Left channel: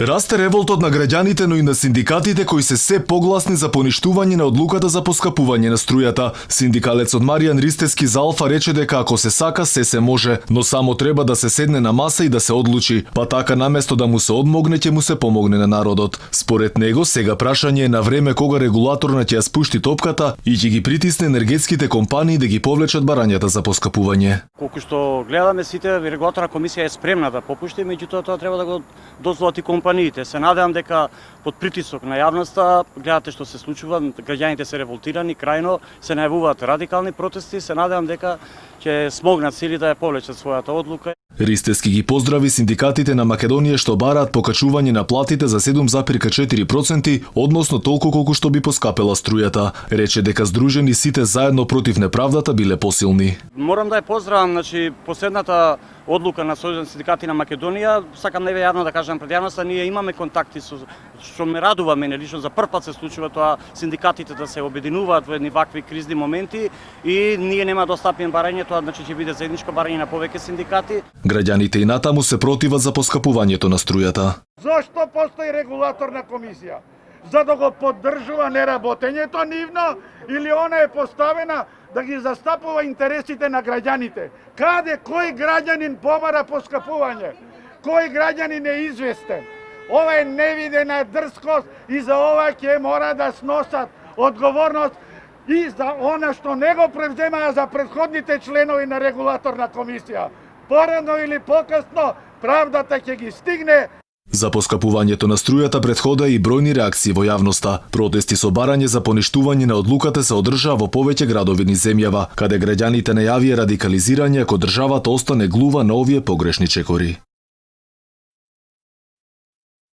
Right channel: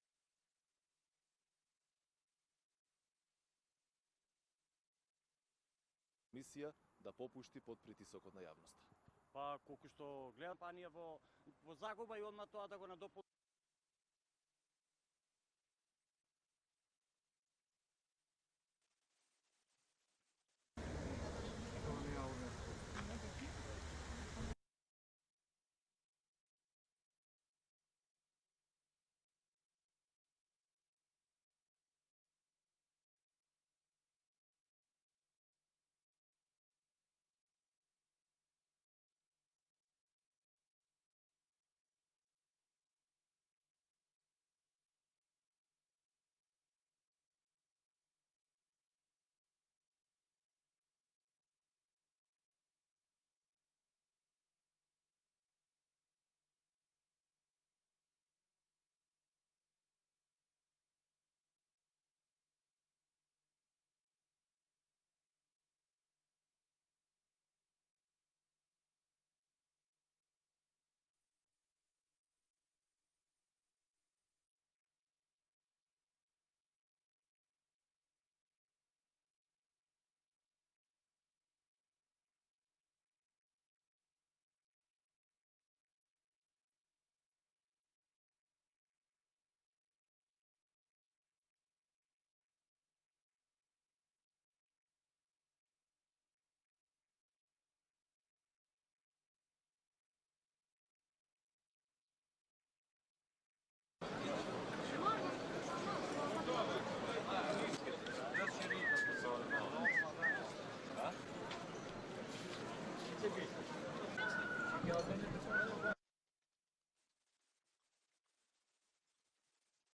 Расте револтот на граѓаните, но и на синдикатите кои се погласни за поништување на одлуката за поскапување на струјата. Синдикалецот Маријан Ристевски за Алфа рече дека ако се сака, се може, но само треба да се седне на маса и да се одлучи, па така наместо да му се одмогне, ќе му се помогне на народот. Според него, сега прашање е на време кога регулаторна ќе ја спушти топката и ќе ги притисне енергетските компании да ги повлечат барањата за поскапување. Колку што гледаме, сите регулаторна комисија е спремна да попушти, меѓутоа тоа треба да го дозволат и компаниите. Се надевам дека под притисок на јавноста, гледате што се случува, граѓаните се револтирани, крајно се најавуваат радикални протести, се надевам дека ќе смогнат сили да ја повлечат својата одлука. Ристевски ги поздрави синдикатите на Македонија што бараат покачување на платите за 7,4%, односно толку колку што би поскапела струјата. Рече дека здружени сите заедно против неправдата биле посилни. Морам да ја поздравам, последната одлука на Сојузот на синдикати на Македонија, сакам неве јавно да кажам пред јавноста, ние имаме контакти со што ме радува мене лично, за прв пат се случува тоа синдикатите да се обединуваат во едни вакви кризни моменти и ние нема да остапиме барање, тоа ќе биде заедничко барање на повеќе синдикати. Граѓаните и натаму се противат за поскапувањето на струјата. Зошто постои регулаторна комисија? За да го поддржува неработењето нивно или она е поставена да ги застапува интересите на граѓаните? Каде, кој граѓанин побара поскапување? Кој граѓанин е известен? Ова е невидена дрскост и за ова ќе мора да сносат одговорност и за она што не го превземаа за претходните членови на регулаторна комисија. Порано или покасно правдата ќе ги стигне. За поскапувањето на струјата претхода и бројни реакции во јавноста. Протести со барање за поништување на одлуката се одржаа во повеќе градови низ земјава, каде граѓаните најавија радикализирање ако државата остане глува на овие погрешни чекори.